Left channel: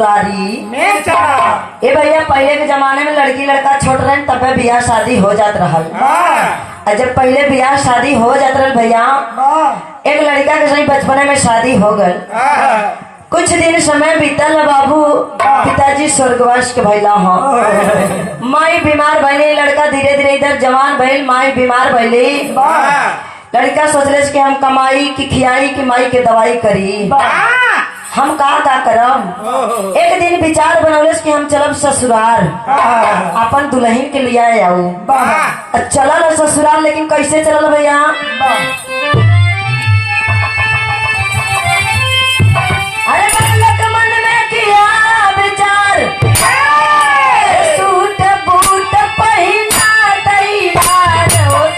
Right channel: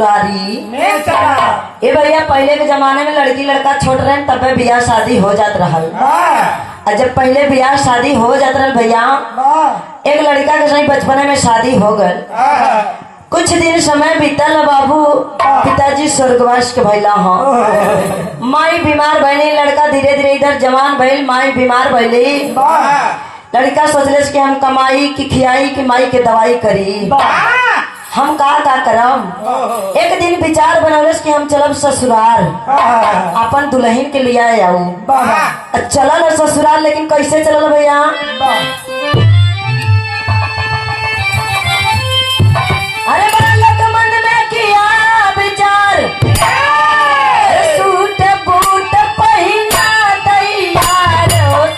ससुरारी में चला। ए भैया पहले के जमाने में लड़की लड़का छोट रहे तब बियाह शादी हो जात रहल। और जब पहले बियाह शादी हो जात रहल भैया, एक लड़का के सही बचपने में शादी हो गल। कुछ दिन समय बीतल बाबू, पिताजी स्वर्गवास के भैला हो, माई बीमार भैली। लड़का धीरे धीरे इधर जवान भैल, माई बीमार भैली। लड़का सोचले कि हम कमाई की खियाई की माई के दवाई करी, हम का करम। एक दिन विचार बनौलस कि हम चलब ससुराल, अपन दुल्हन के लिए आऊ। चलल ससुराल, लेकिन कैसे चलल भैया? अरे बालक मन में किया विचार, सूट बूट पहिना तैयार हो।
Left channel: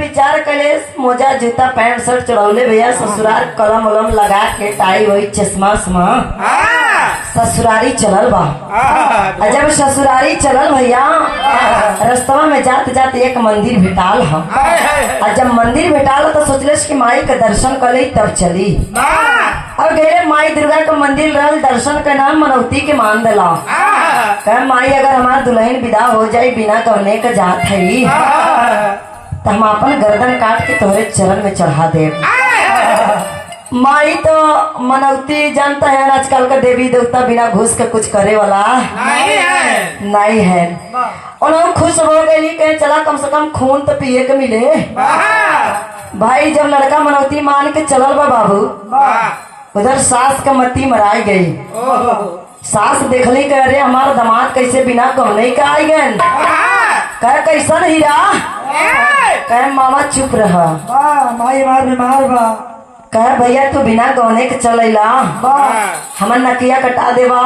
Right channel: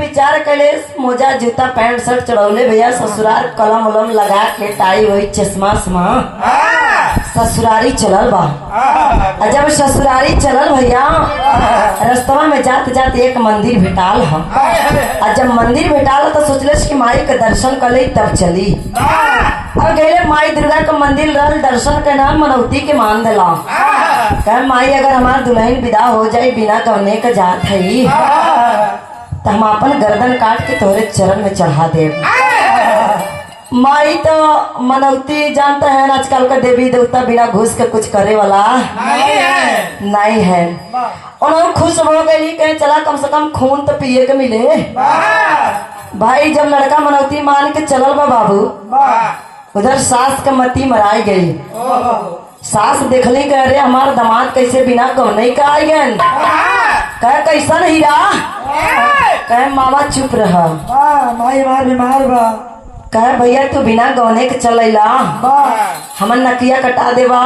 विचार कले मोजा जूता पैंट शर्ट चढ़ौले भैया ससुराल, कलम उलम लगा के टाई वही चश्मा ससुरारी चलल बा। जब ससुरारी चलल भैया, रास्ता में जात जात एक मंदिर भेटाल ह। और जब मंदिर भेटाल तो सोचले कि माई के दर्शन कर ली तब चली। अब गए माई दुर्गा के मंदिर रहल, दर्शन के नाम मनौती के मान दिला। कह माई अगर हमार दुल्हन विदा हो जाये बिना कवने के जात है तो हम अपन गर्दन काट के तोरे चरण में चढ़ा दे। माई तो मनौती जानता है, आजकल का देवी देवता बिना घूस के कुछ करे वाला नहीं है। उन्होंने खुश हो गई, कहे चला कम से कम खून तो पिए के मिले। भाई जब लड़का मनौती मान के चलल बा बाबू, उधर सास का मती मराई गई। सास देखली कह रहे हमारा दामाद कैसे बिना कहने का आई गए। कह कैसा हीरा? कह मामा चुप रहा, माई मार बीमार बा। कह भैया तू बिना गौने के चलेला, हमर नकिया कटा देवा।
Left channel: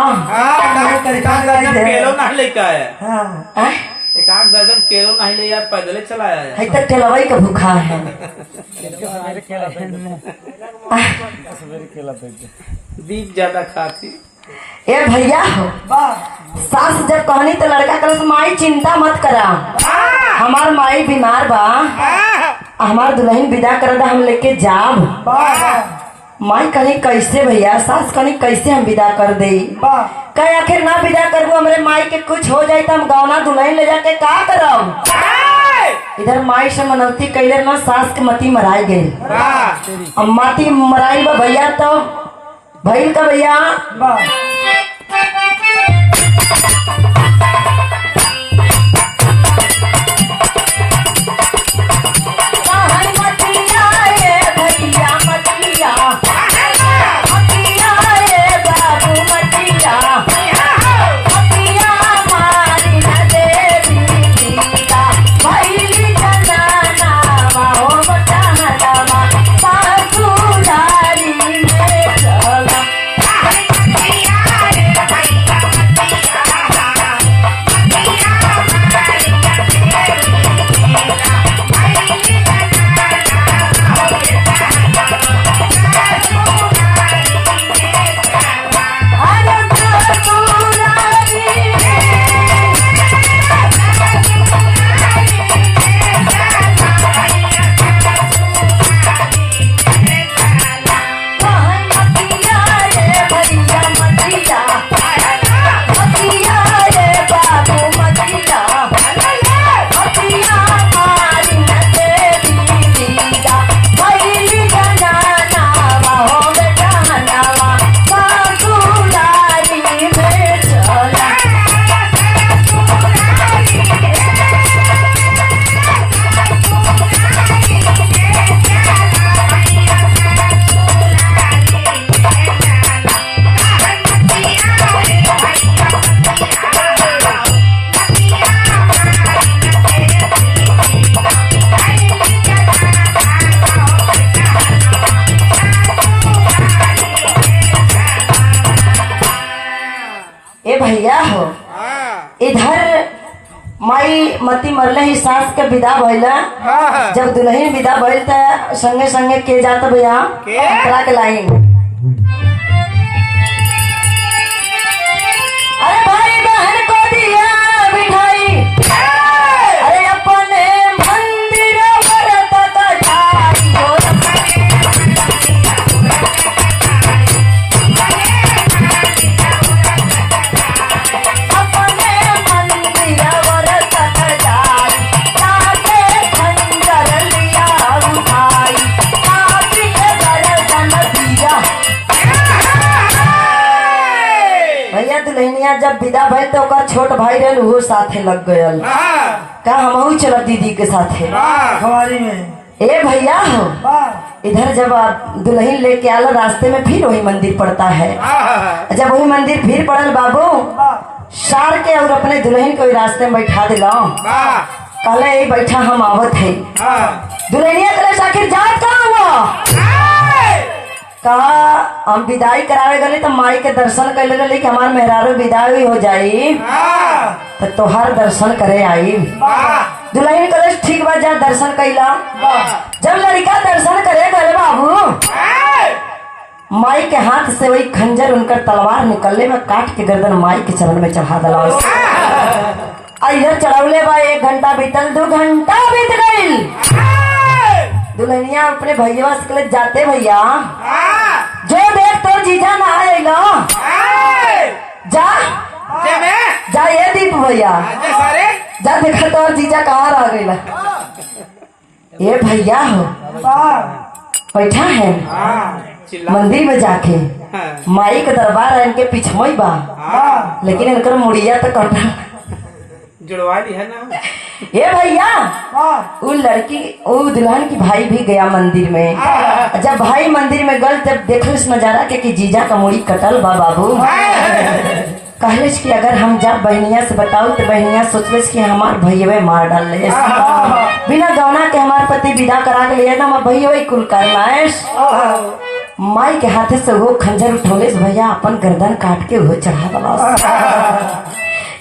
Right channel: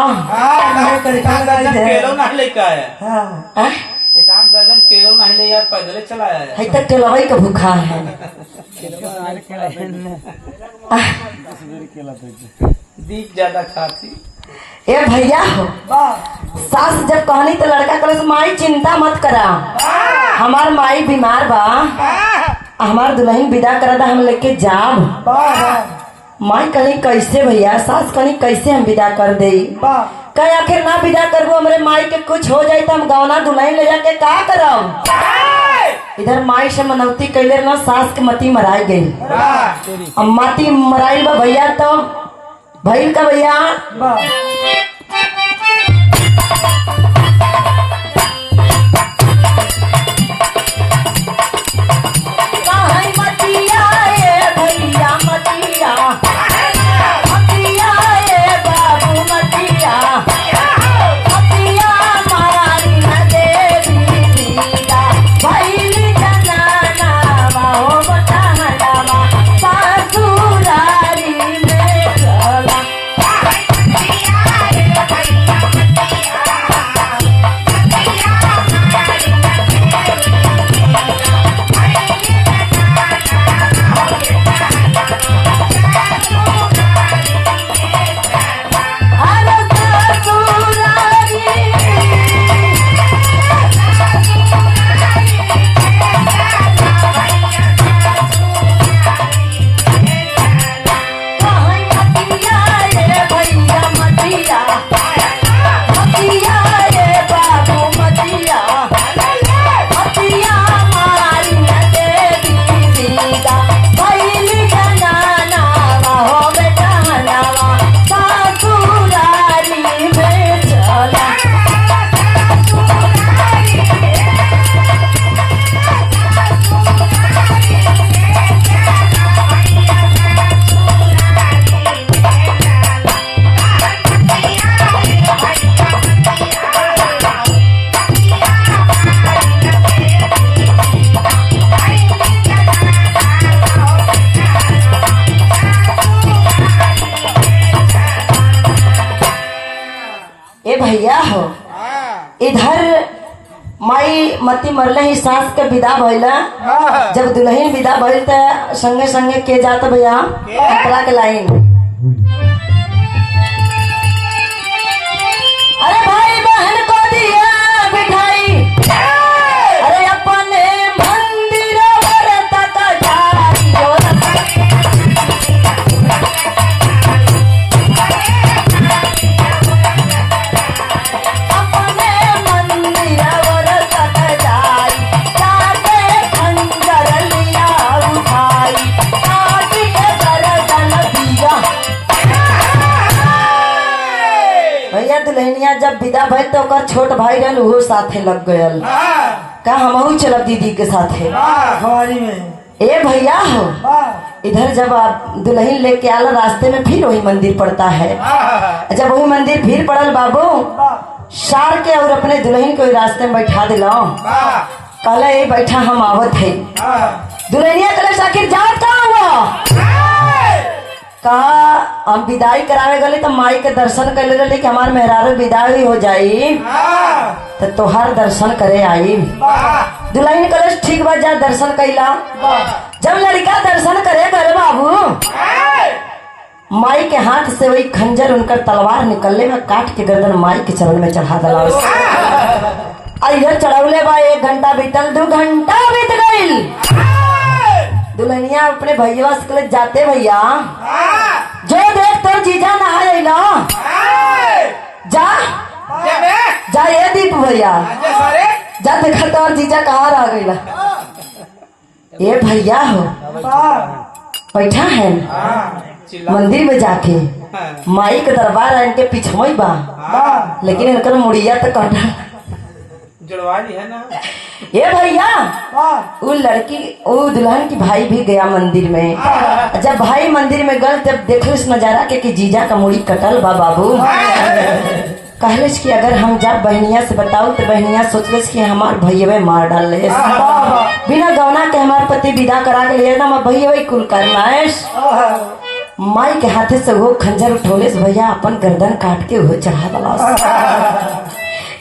केलो नहीं लेके आया, हैं? एक 8 दर्जन केलो नहीं ले यार, पैदल चला आया। है तक केलवई का भूखा है। दीप ज्यादा खाती। ए भैया हो, सास जब कहनी तो लड़का कलस माई चिंता मत करा, हमार माई बीमार बा, हमार दुल्हन विदा करा था हम लेके जाब। माई कहनी कैसे भैया? सास कहनी कैसे हम विदा कर दे? कहे आखिर ना विदा करबो हमरे माई के कुछ हो जाये तो हम गौना दुल्हन ले जाके का करब? इधर माई से मनौती कैले ना, सास के मती मराई गई। अब मती मराई बा भैया तो भैल का भैया माई मती मरले ही सास के विदा भइल। जब दुल्हन विदा भइल त संगे संगे के जात भैया अंतरा के लाइन। अरे भाई बहन को दिया मिठाई, अरे अपने मंदिर व्रत का जाइयो। भैया दुल्हनिया जब विदा भइल तो ओकर छोट भाई रहल उहो साथे लग गयल। का हमहू चलब दीदी के साथे। हमारी में ए भैया हो, इधर जब आप दुल्हन लेके आल रास्ते में फिर वही मंदिर पड़ता है। जब वही मंदिर फिर पड़ल बाबू सार के और अपने दुल्हन को रास्ते में बैठा दिला। कहले ये बैठा हम आवत है। दुल्हनिया कहले आखिर जात कहाँ हुआ? कहा हम विदाई करावे गले तो माई के दर्शन करे गली कि हमार मेहरारू विदाई हो जाई तो तोहार दर्शन करे आई। दुल्हन कहले ठीक बा जा दर्शन कैला। जब लड़का दर्शन करे गले बाबू माई के हाथ से वही खंजर उनकर तलवार निकलने में काट के गर्दन माई के चरण में चढ़ा दिला। इधर चढ़ावले बा 1 घंटा बीतल, 2 घंटा बीत गईल। दुल्हनिया अपने भैया से जाते भैया जो देख तो जीजा ना आएगा जा जा ये दीप भैया जा देखा तो जीजा कहाँ रह गईला। ये भैया हो बैठा है मंदिर में जाके माई के दरबार इनके पिछमोई बा, लेकिन इनकर मुड़िया तो कटा जुड़वा दी है ना। ये भैया वो लड़की वो दुल्हन की भाई भी गया मंदिर में। जब भाई मंदिर में गल तब देखल इस नजारा के कि जीजा का मुड़ी कटल बा बाबू। कहले कि अगर हम जा बहनिया से बताओ तो बहनिया सोचले कि हमार भैया मार डाल ले। बिना गौना के हमार पति विदा करा के लिए ना भैया कुल करनाश। माई के हाथे से वो खंजर उठौले भैया अपन गर्दन काट के वो चढ़ा दला।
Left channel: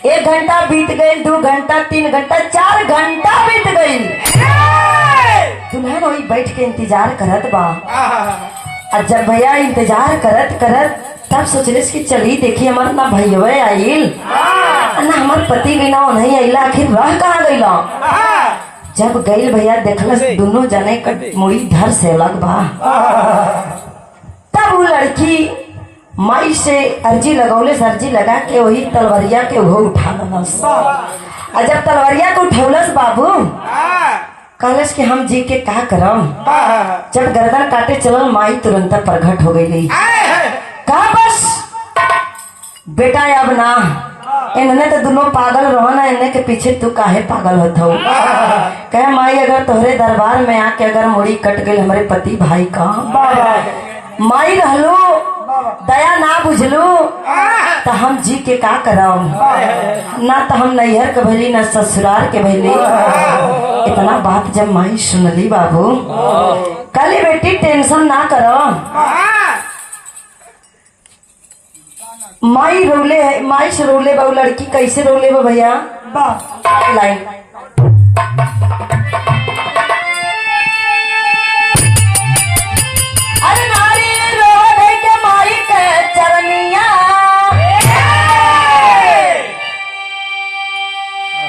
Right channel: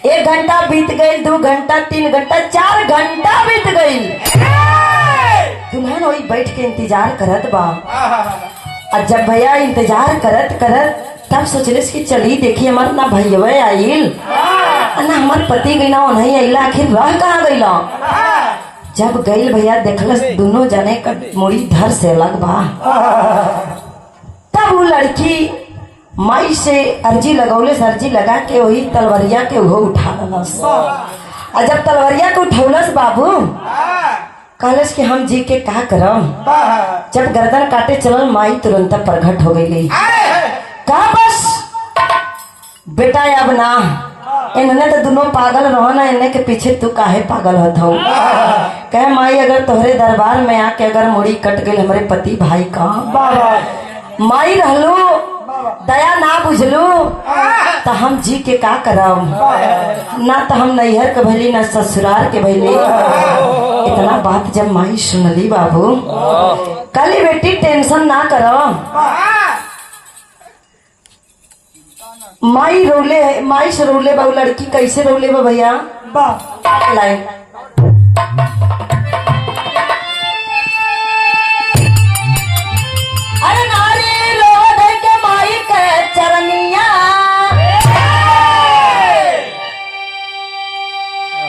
1 घंटा बीत गई, 2 घंटा, 3 घंटा, 4 घंटा बीत गई। दुल्हन वही बैठ के इंतजार करत बा। और जब भैया इंतजार करत करत तब सोचले कि चली देखी हमार ना भैया आइल ना हमार पति गई ना नहीं आइला, आखिर रह कहाँ गईला। जब गई भैया देखलस दोनों जने का मुड़ी धर से अलग बा। तब वो लड़की माई से अर्जी लगौले, अर्जी लगा के वही तलवरिया के वो उठा लस। और जब तलवरिया के उठौलस बाबू कहलस कि हम जी के का करम। जब गर्दन काटे चलल माई तुरंत प्रकट हो गई। कहा बस बेटा अब ना इन्होंने तो दोनों पागल रहो ना, इन्हें के पीछे तू काहे पागल होत हो। कहे माई अगर तोहरे दरबार में आके अगर मुड़ी कट गई हमारे पति भाई का माई रहलो दया ना बुझलू तो हम जी के का करम। ना तो हम नैहर के भैली ना ससुराल के भैली। इतना बात जब माई सुनली बाबू कली बेटी टेंशन ना करो। माई रोले माई से रोले बा लड़की कैसे रोले बा भैया लाइन। अरे नारी रो दे के माई के चरनिया,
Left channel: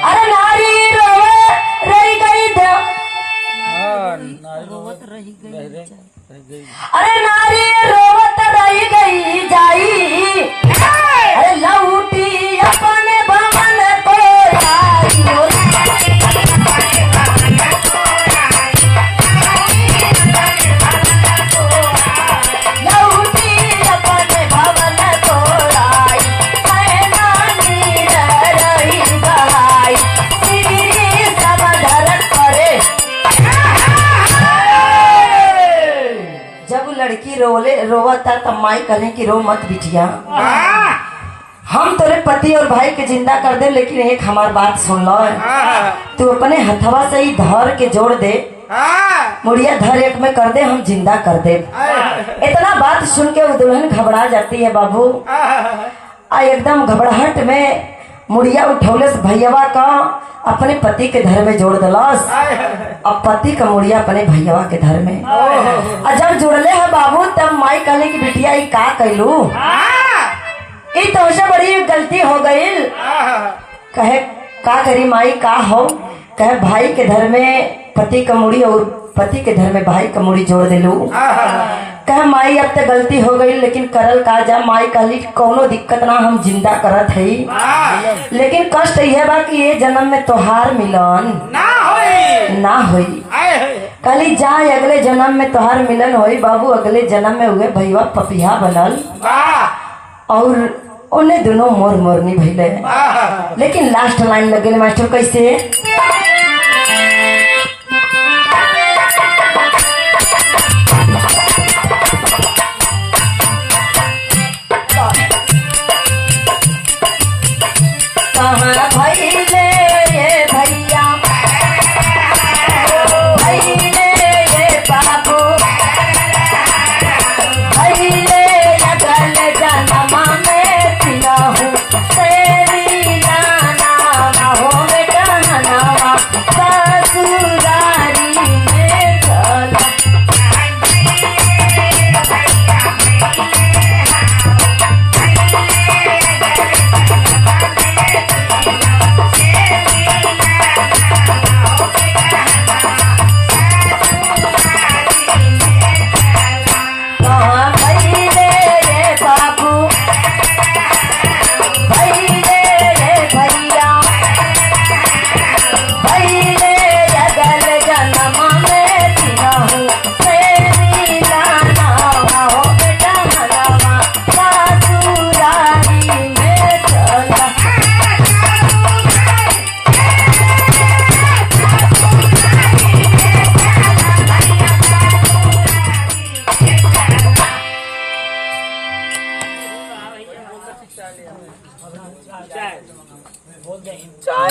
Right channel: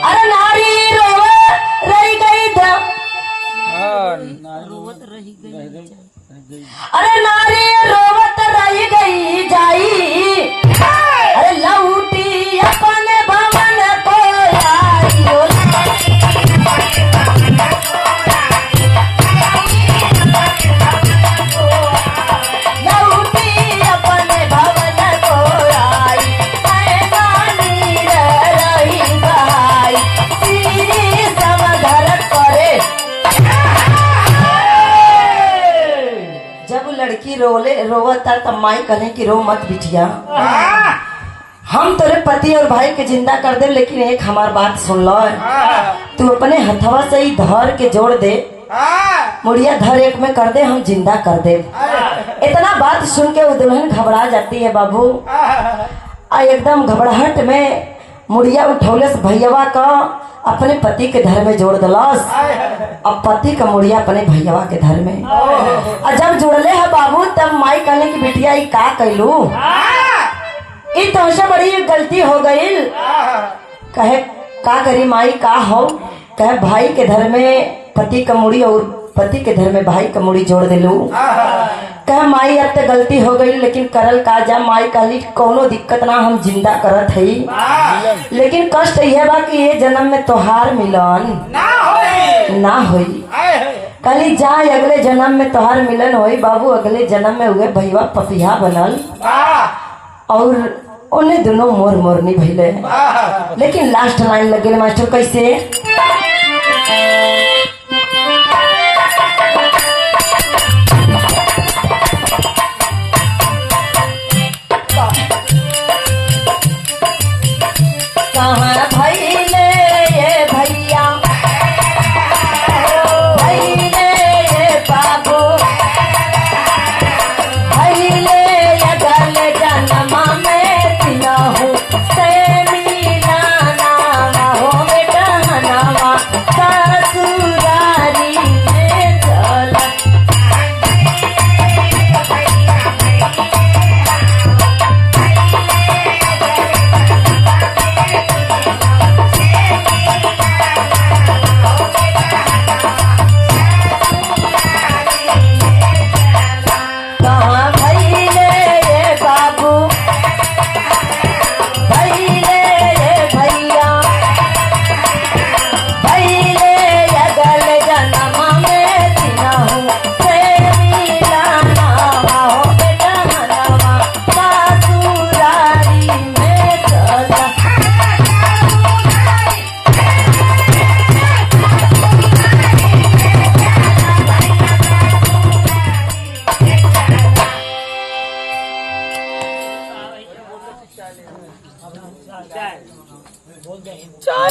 अरे नारी रो रही गई अरे नारी रोवत रही गई जाई। अरे लौटी अपने भवन को आई। लौटी अपने भवन को आई, मैदानी रही गई, तेरी सब धर करे। जब लड़की रोवता तब माई कहे कि रो मत बिटिया, हम तेरे पति और भाई के जिंदा कर दे, लेकिन एक हमार बात सुन लो। तू अपने हथवा से ही धर के जोड़ दे, मुड़िया धर एक में कर दे, हम जिंदा कर दे। इतना बात सुन के वो दुल्हन घबरा जाती है बाबू। एकदम घबराहट में मुड़िया उठौले से भैयावा का अपने पति के घर में जोड़ दिलस। अब पति का मुड़िया अपने भैयावा के घर में और जब जुड़ले है बाबू तब माई कहने की बिटिया ई का कैलू, ई तो बड़ी गलती हो गई। कहे का करी माई का हो, कहे भाई के घर में पति का मुड़ी और पति के घर में भाई का मुड़ी जोड़ दिलू। कहे माई अब तो गलती हो गई लेकिन करल का जा। माई कहली कोनो दिक्कत ना, हम जिंदा करत है लेकिन कष्ट यह बा कि ये जन्म में तोहार मिलन ना होई। कहली जा अगले जन्म में तोहार मिलन होई बाबू। अगले जन्म में हुए भैया पपिया बनल और उन्हें दोनों मोर मोरनी भइले। लेकिन लास्ट लाइन लगे मास्टर कैसे, चल